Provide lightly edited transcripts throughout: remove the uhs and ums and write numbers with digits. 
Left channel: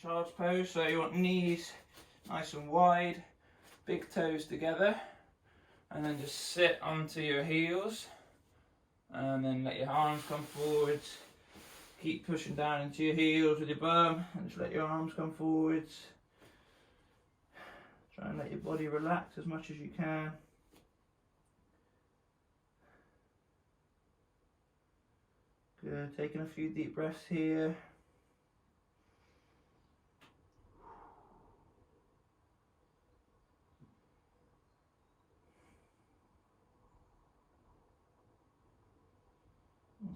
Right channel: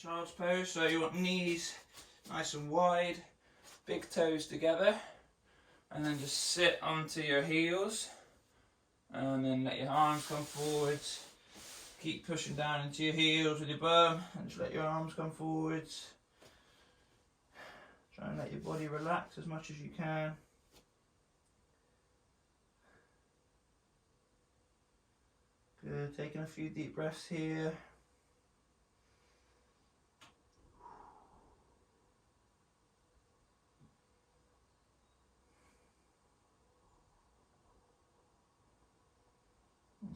child's pose. So you want knees nice and wide, big toes together, and then just sit onto your heels, and then let your arms come forwards. Keep pushing down into your heels with your bum, and just let your arms come forwards. Try and let your body relax as much as you can. Good, taking a few deep breaths here.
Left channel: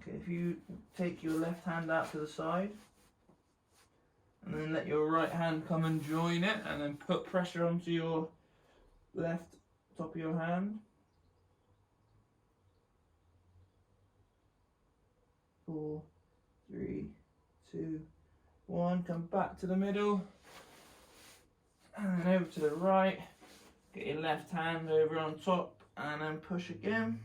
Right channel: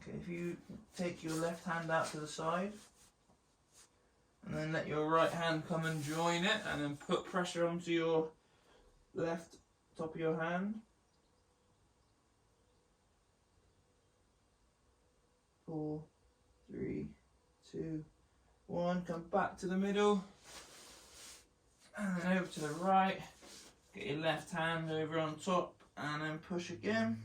Okay, if you take your left hand out to the side, and then let your right hand come and join it, and then put pressure onto your left top of your hand. 4, 3, 2, 1. Come back to the middle, and then over to the right. Get your left hand over on top, and then push again.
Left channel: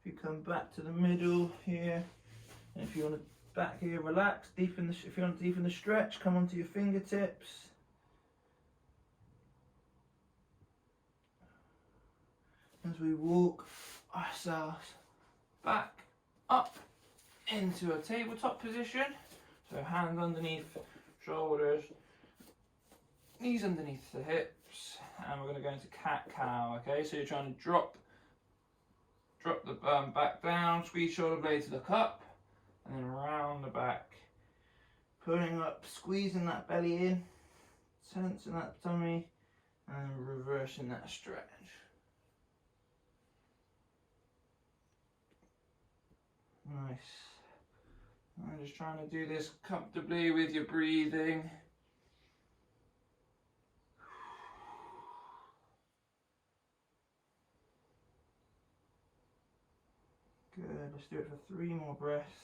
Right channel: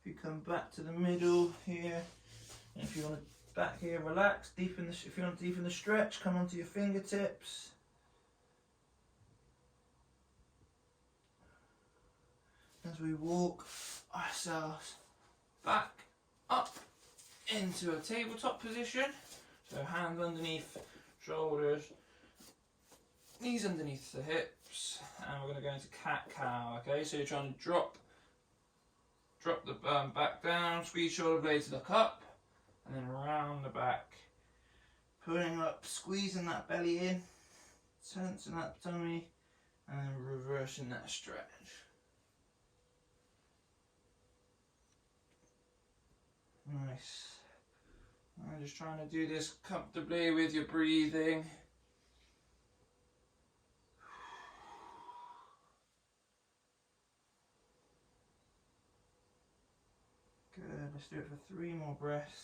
If you come back to the middle here, and if you want to back here, relax, deepen the, if you want to deepen the stretch, come onto your fingertips. As we walk ourselves back up into a tabletop position. So hands underneath shoulders, knees underneath the hips, and we're going to go into cat-cow. Okay, so you're trying to drop the bum back down, squeeze shoulder blades, look up, and then around the back, pulling up, squeezing that belly in, tensing that tummy, and then reversing that stretch. Nice. I'm just trying to do this comfortably with your breathing. Good, let's do it for 3 more breaths.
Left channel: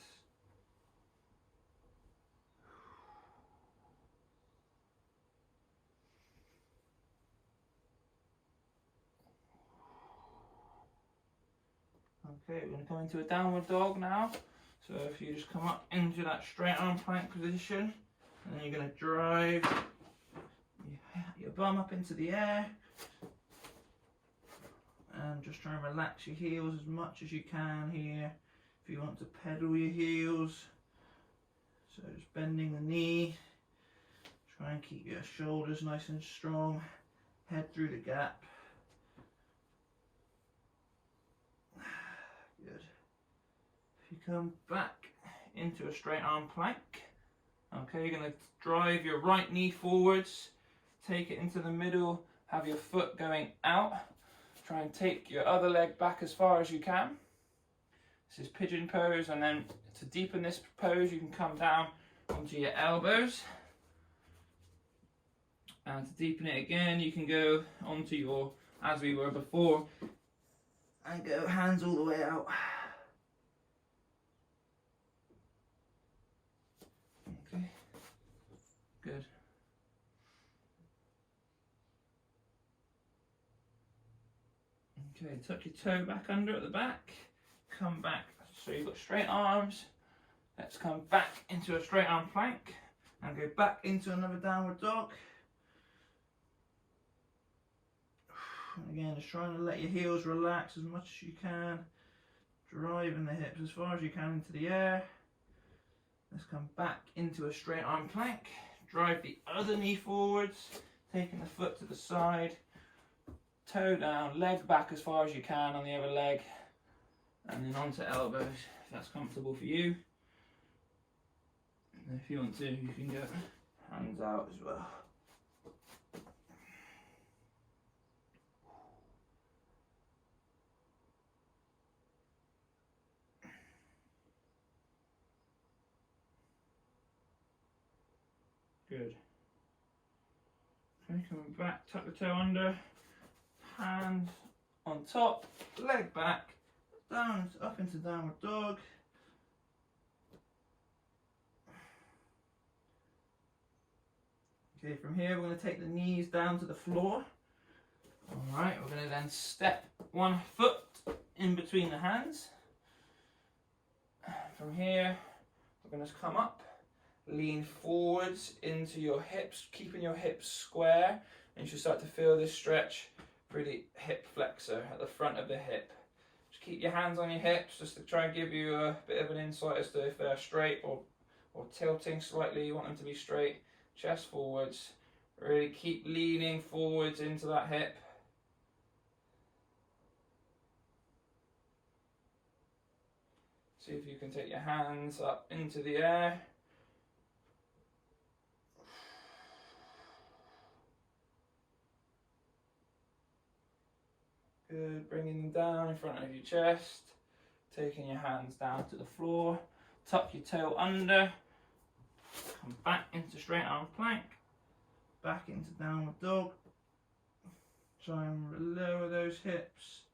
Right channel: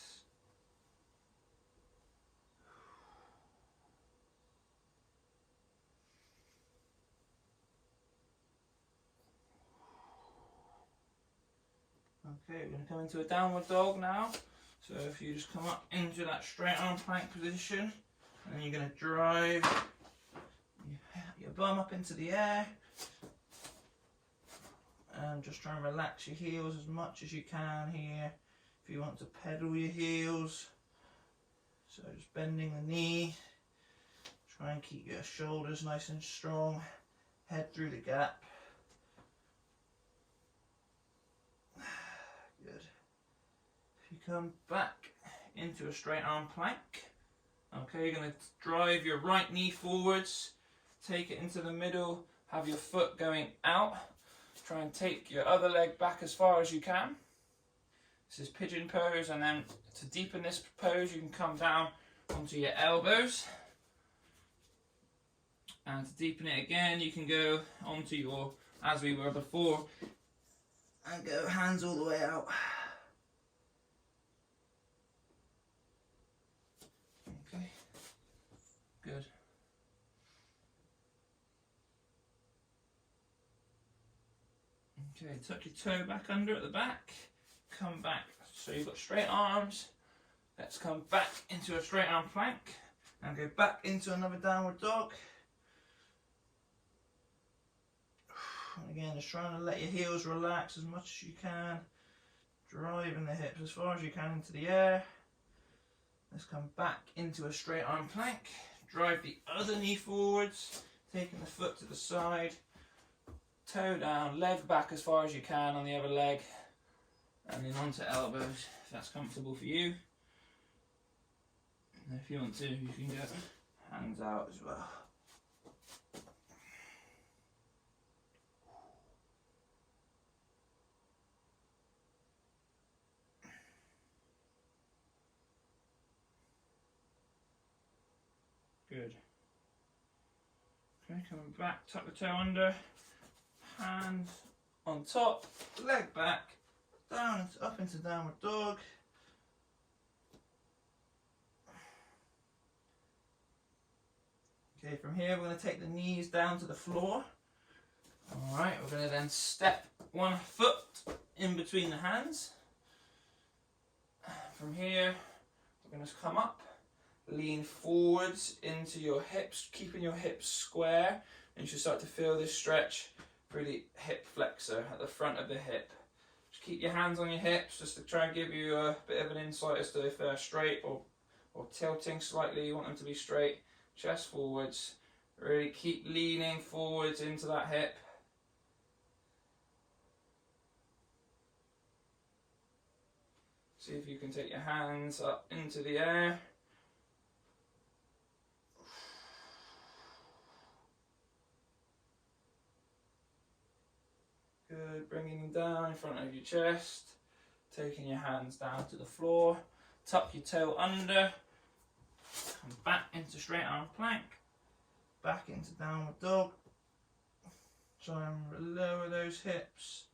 Okay, we're going to come into a downward dog now. So if you just come up into that straight arm plank position, and then you're going to drive your bum up into the air, and just try and relax your heels as much as you can here. If you want to pedal your heels, so just bending the knee, try and keep your shoulders nice and strong, head through the gap. Good. If you come back into a straight arm plank, okay, you're going to drive your right knee forwards, take it into the middle, have your foot going out, try and take your other leg back as far as you can. This is pigeon pose, and then to deepen this pose you can come down onto your elbows, and to deepen it again you can go onto your, as we were before, and go hands all the way out. Okay, good. Okay, tuck your toe back under at the back, come back, so you've got straight arms. Let's come back into a straight arm plank and go back into another downward dog. And again, just trying to let your heels relax as much as you can, driving the hips as far as you can into the air. Let's come back into a straight arm plank, drive the other knee forwards, taking the foot to the side, toe down, leg back as far as you can on the other leg, and then onto elbows if that's comfortable for you. And if you want to, you can go hands out as well. Good. Okay, coming back, tuck the toe under, hand on top, leg back, down, up into downward dog. Okay, from here we're going to take the knees down to the floor. Alright, we're going to then step one foot in between the hands. From here, we're going to come up, lean forwards into your hips, keeping your hips square, and you should start to feel this stretch through the hip flexor at the front of the hip. Just keep your hands on your hips just to try and give you a bit of an insight as to if they're straight or tilting slightly. You want them to be straight, chest forwards. Really keep leaning forwards into that hip. See if you can take your hands up into the air. Good, bringing them down in front of your chest. Taking your hands down to the floor. Tuck your toe under. Come back into straight arm plank. Back into downward dog. Try and lower those hips.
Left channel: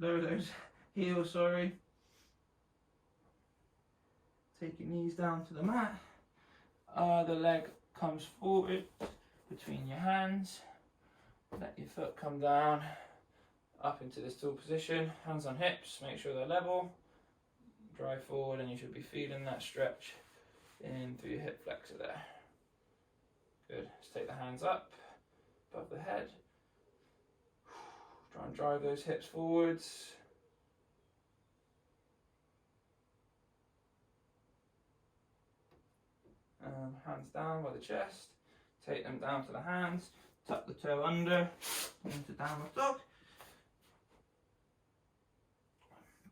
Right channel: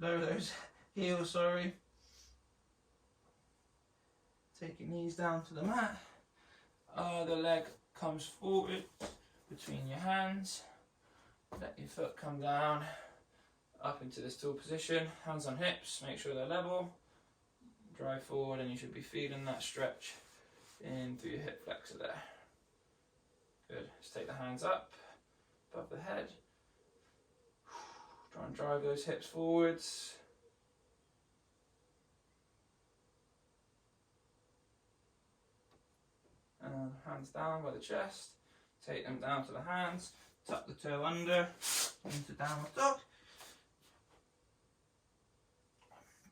Lower those heels, sorry. Take your knees down to the mat. The leg comes forward between your hands. Let your foot come down up into this tall position. Hands on hips, make sure they're level. Drive forward and you should be feeling that stretch in through your hip flexor there. Good. Let's take the hands up above the head. Try and drive those hips forwards. And hands down by the chest. Take them down to the hands. Tuck the toe under into downward dog.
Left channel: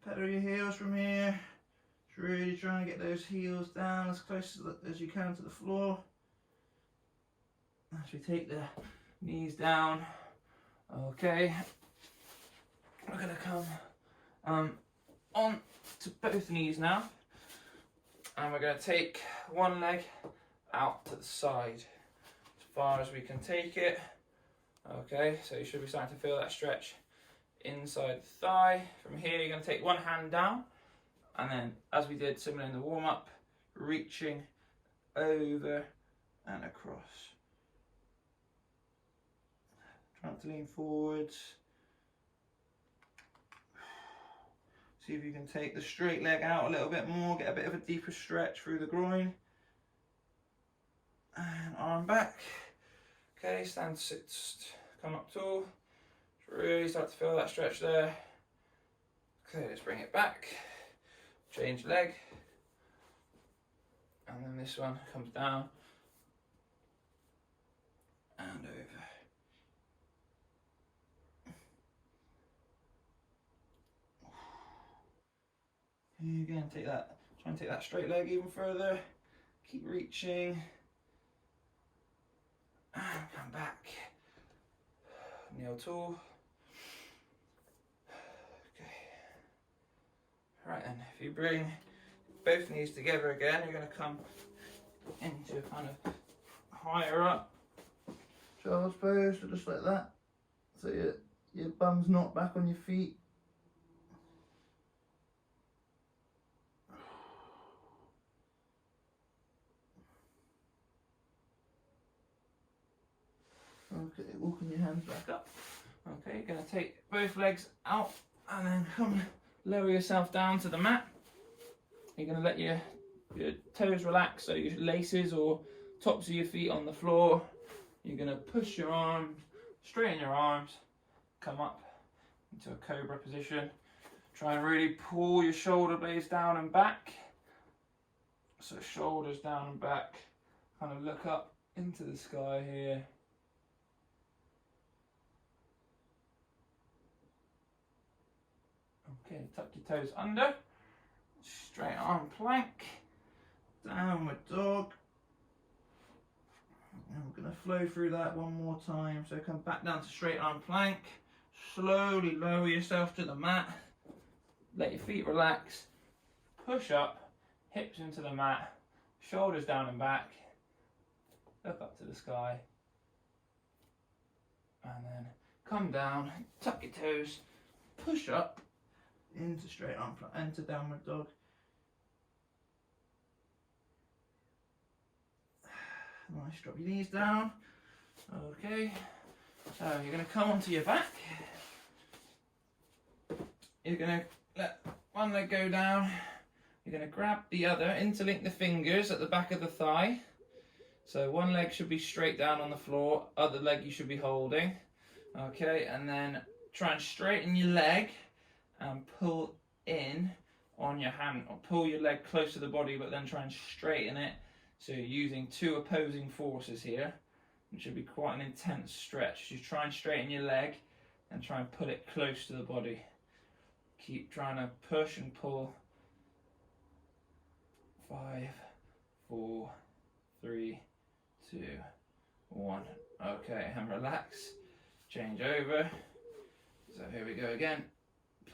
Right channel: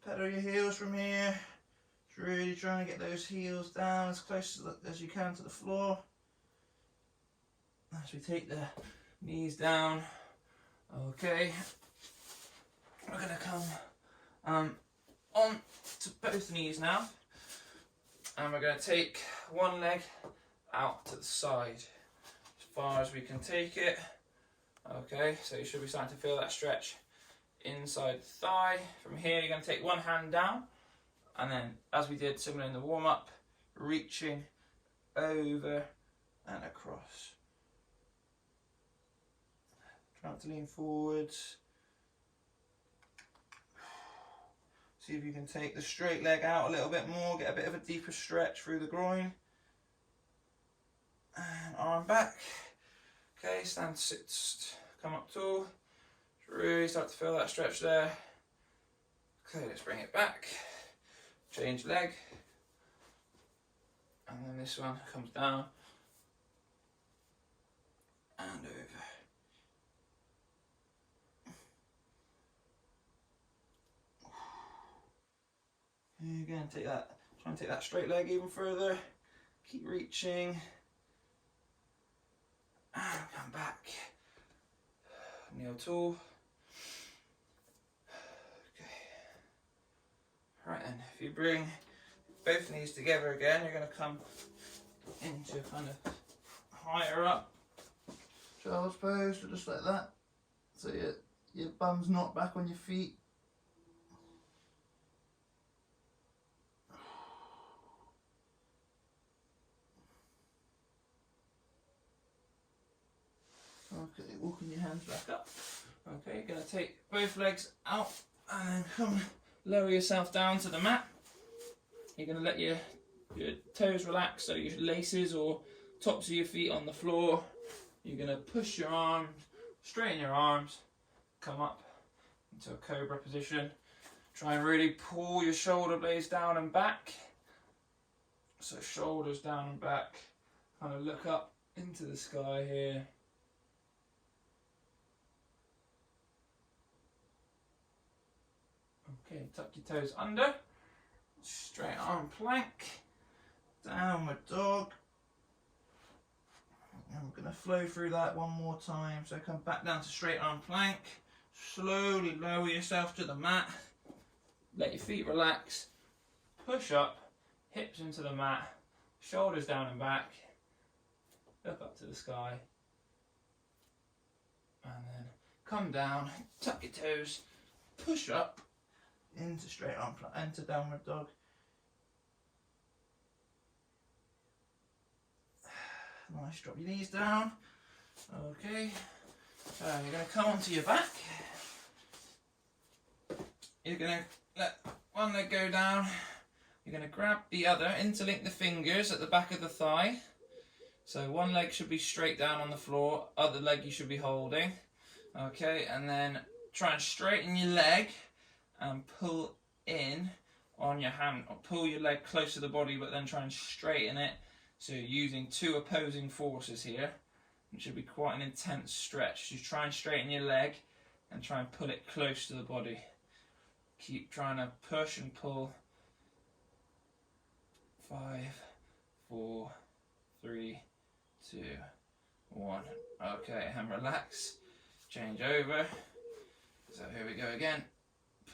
Pedal your heels from here. Just really trying to get those heels down as close as you can to the floor. As we take the knees down. Okay. We're going to come on to both knees now. And we're going to take one leg out to the side as far as we can take it. Okay, so you should be starting to feel that stretch inside the thigh. From here, you're going to take one hand down, and then, as we did similar in the warm-up, reaching over and across. Trying to lean forwards. See if you can take the straight leg out a little bit more, get a bit of a deeper stretch through the groin. And arm back. Okay, stand, sit, come up tall. Really start to feel that stretch there. Okay, let's bring it back. Change leg. And then this one comes down and over. Again, take that, try and take that straight leg even further. Keep reaching. And come back. Kneel tall. Okay. Right then, if you bring both knees together again, you're going to come into kind of higher up child's pose, so just like that. So your bum's not back on your feet. Okay, walking your hands back up. Okay, you're going to take both legs out and then come lower yourself down to the mat. You're going to let your toes relax, so your laces or tops of your feet on the floor. You're going to push your arms, straighten your arms, come up into a cobra position. Try and really pull your shoulder blades down and back. So shoulders down and back. Kind of look up into the sky here. Okay, tuck your toes under, straight arm plank, downward dog. And we're going to flow through that one more time. So come back down to straight arm plank, slowly lower yourself to the mat, let your feet relax, push up, hips into the mat, shoulders down and back, look up to the sky, and then come down, tuck your toes, push up, into straight arm plank, into downward dog. Nice, drop your knees down. Okay, So you're going to come onto your back. You're going to let one leg go down. You're going to grab the other, interlink the fingers at the back of the thigh. So one leg should be straight down on the floor, other leg you should be holding. Okay, and then try and straighten your leg and pull in on your hand, or pull your leg close to the body, but then try and straighten it. So you're using two opposing forces here. It should be quite an intense stretch. You try and straighten your leg and try and pull it close to the body. Keep trying to push and pull. 5, 4, 3, 2, 1. Okay, and relax. Change over. So here we go again.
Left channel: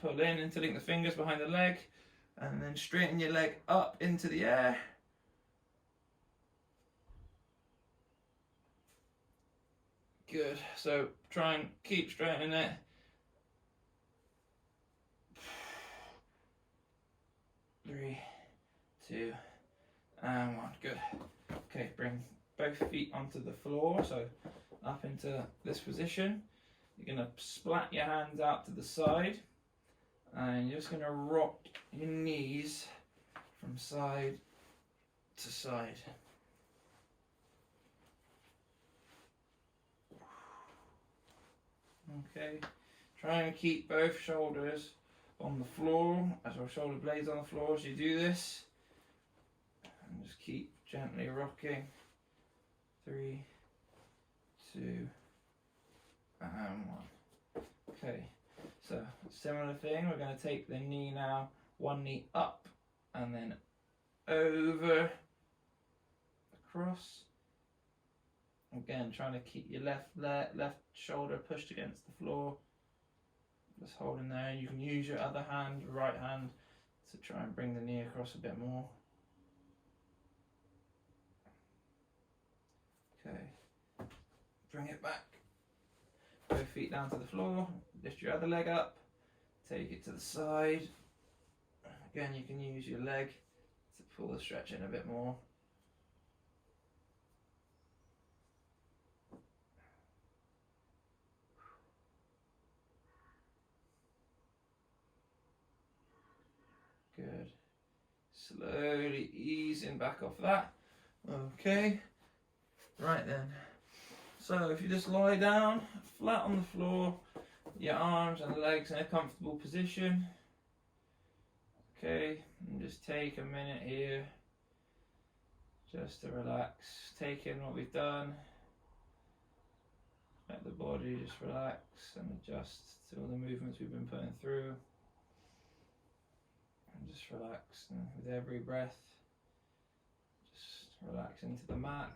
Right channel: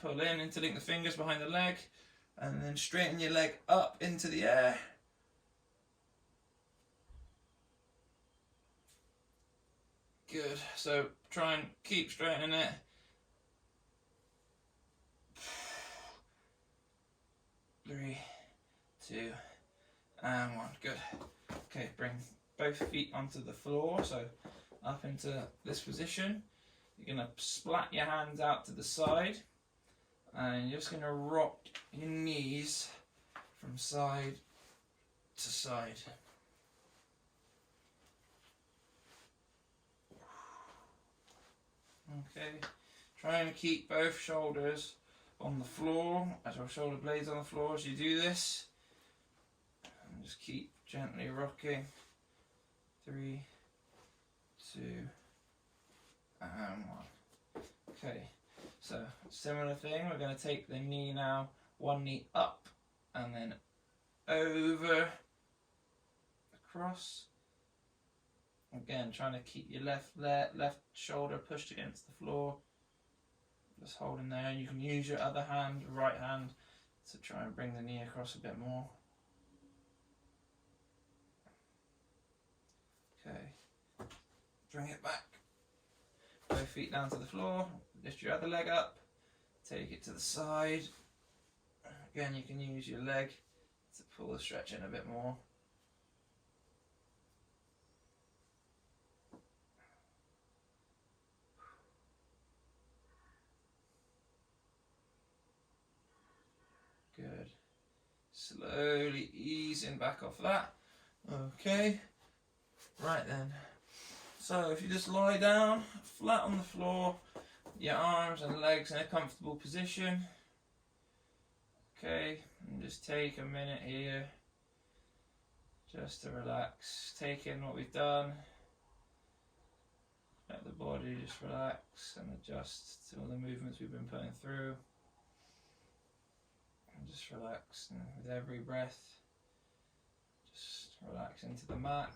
Pull in, interlink the fingers behind the leg, and then straighten your leg up into the air. Good. So try and keep straightening it. 3, 2, and 1. Good. Okay, bring both feet onto the floor, so up into this position. You're going to splat your hands out to the side, and you're just going to rock your knees from side to side. Okay, try and keep both shoulders on the floor, as our shoulder blades on the floor as you do this. And just keep gently rocking. 3, 2, and 1. Okay, so similar thing, we're going to take the knee now, one knee up and then over, across. Again, trying to keep your left shoulder pushed against the floor. Just holding there. You can use your other hand, right hand, to try and bring the knee across a bit more. Okay. Bring it back. Both feet down to the floor. Lift your other leg up. Take it to the side. Again, you can use your leg to pull the stretch in a bit more. Good. Slowly easing back off that. Okay. Right then. So if you just lie down flat on the floor, your arms and legs in a comfortable position. Okay, and just take a minute here just to relax. Take in what we've done. Let the body just relax and adjust to all the movements we've been putting through. And just relax, and with every breath, just relax into the mat.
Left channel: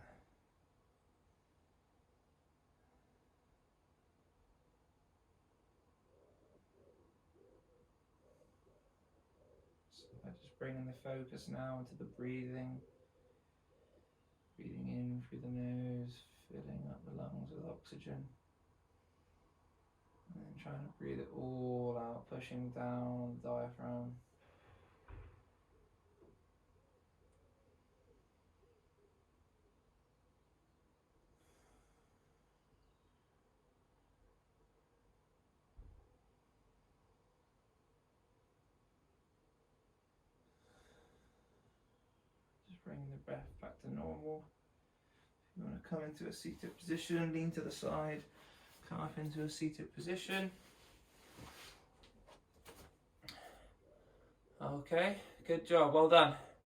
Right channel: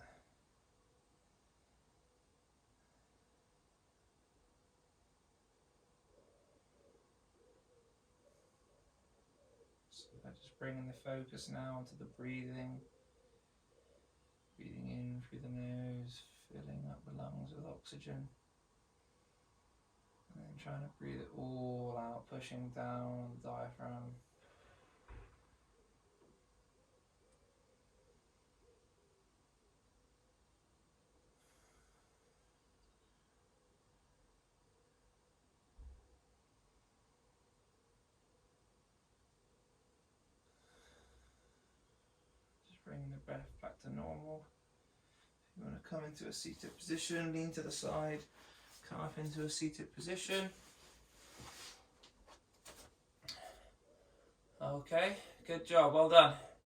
So just bringing the focus now into the breathing. Breathing in through the nose, filling up the lungs with oxygen. And then trying to breathe it all out, pushing down on the diaphragm. Bringing the breath back to normal. If you want to come into a seated position, lean to the side, come up into a seated position. Okay, good job, well done.